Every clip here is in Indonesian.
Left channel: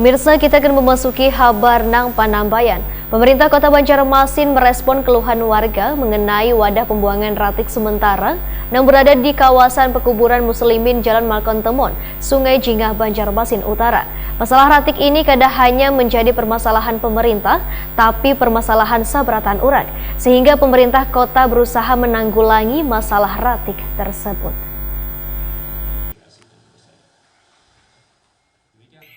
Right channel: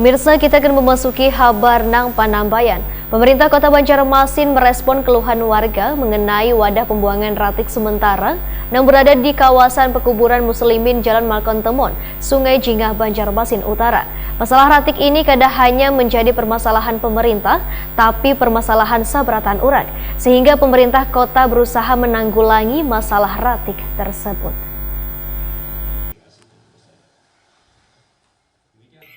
Pemirsa, kita akan memasuki kabar nang Panambayan. Pemerintah Kota Banjarmasin merespon keluhan warga mengenai wadah pembuangan ratik sementara yang berada di kawasan pekuburan Muslimin Jalan Malkon Temon, Sungai Jingah, Banjarmasin Utara. Masalah ratik ini kadang hanya menjadi permasalahan pemerintah, tapi permasalahan sabratan orang, sehingga pemerintah kota berusaha menanggulangi masalah ratik tersebut.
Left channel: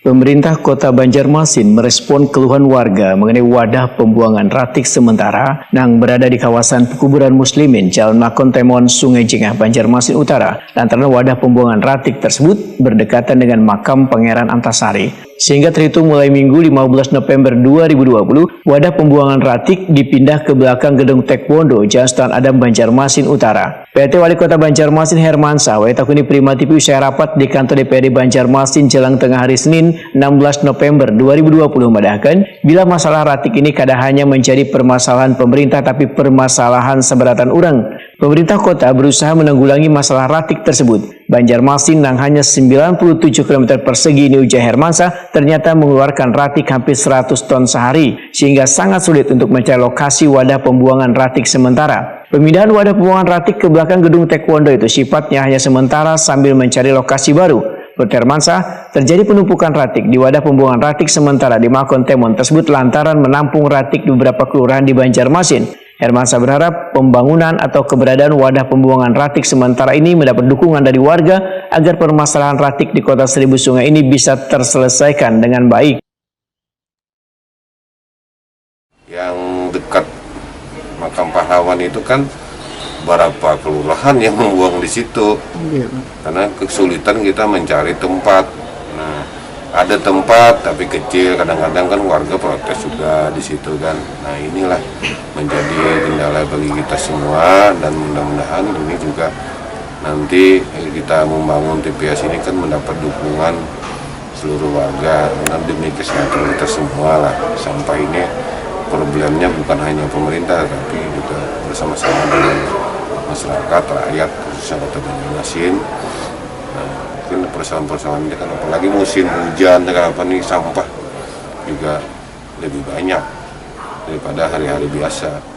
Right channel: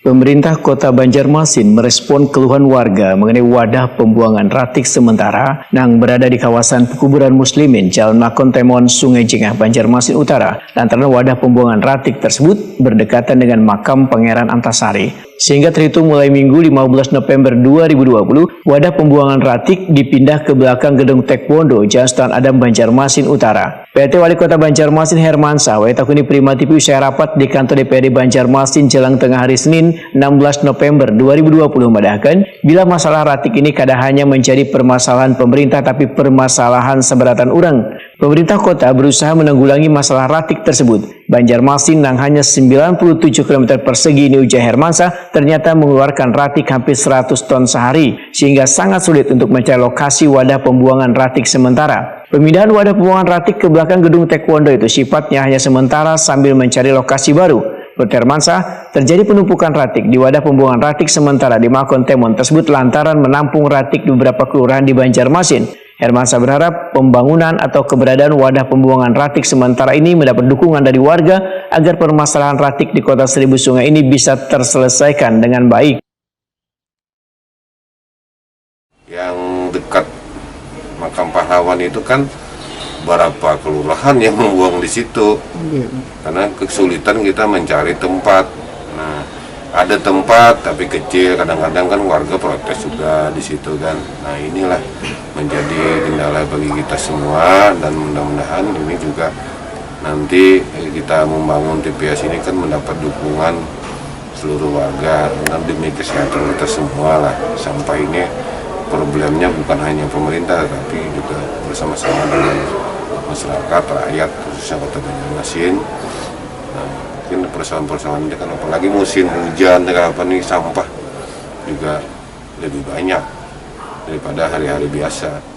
Pemerintah Kota Banjarmasin merespon keluhan warga mengenai wadah pembuangan ratik sementara yang berada di kawasan pekuburan Muslimin Jalan Malkon Temon, Sungai Jingah, Banjarmasin Utara. Lantaran wadah pembuangan ratik tersebut berdekatan dengan makam Pangeran Antasari. Sehingga terhitung mulai Minggu 15 November 2020, wadah pembuangan ratik dipindah ke belakang gedung Taekwondo Jalan Sultan Adam, Banjarmasin Utara. PT Wali Kota Banjarmasin Hermansyah Waitakuni Prima TV usai rapat di kantor DPRD Banjarmasin jelang tengah hari Senin 16 November 2020 mendahkan bila masalah ratik ini kadang hanya menjadi permasalahan pemerintah tapi permasalahan seberatan orang. Pemerintah kota berusaha menanggulangi masalah ratik tersebut. Banjarmasin yang hanya 97 km persegi ini, ujar Hermansyah, ternyata mengeluarkan ratik hampir 100 ton sehari, sehingga sangat sulit untuk mencari lokasi wadah pembuangan ratik sementara. Pemindahan wadah pembuangan ratik ke belakang gedung Taekwondo itu sifatnya hanya sementara sambil mencari lokasi baru. Menurut Hermansyah, terjadi penumpukan ratik di wadah pembuangan ratik sementara di Malkon Temon tersebut lantaran menampung ratik di beberapa kelurahan di Banjarmasin. Hermansyah berharap pembangunan atau keberadaan wadah pembuangan ratik sementara ini mendapat dukungan dari warga agar permasalahan ratik di Kota Seribu Sungai ini bisa terselesaikan dengan baik. Yang dekat makam pahlawan itu kan beberapa kelurahan yang membuang di situ, karena kesulitan kita mencari tempat. Nah, ada tempat tapi kecil, kadang-kadang kan warga protes juga di situ kan. Nah, inilah menjadi kendala bagi kita semua, dan mudah-mudahan ini juga nanti kita membangun TPS ini kan mendapat dukungan seluruh warga dan demi kesehatan kita semua lah. Sampai ini problemnya bukan hanya pemerintah tapi juga bersama-sama dengan masyarakat, rakyat, khususnya Kota Banjarmasin. Nah, mungkin persoalan-persoalan ini kan apalagi musim hujan dan apa nih, sampah juga lebih banyak daripada hari-hari biasa.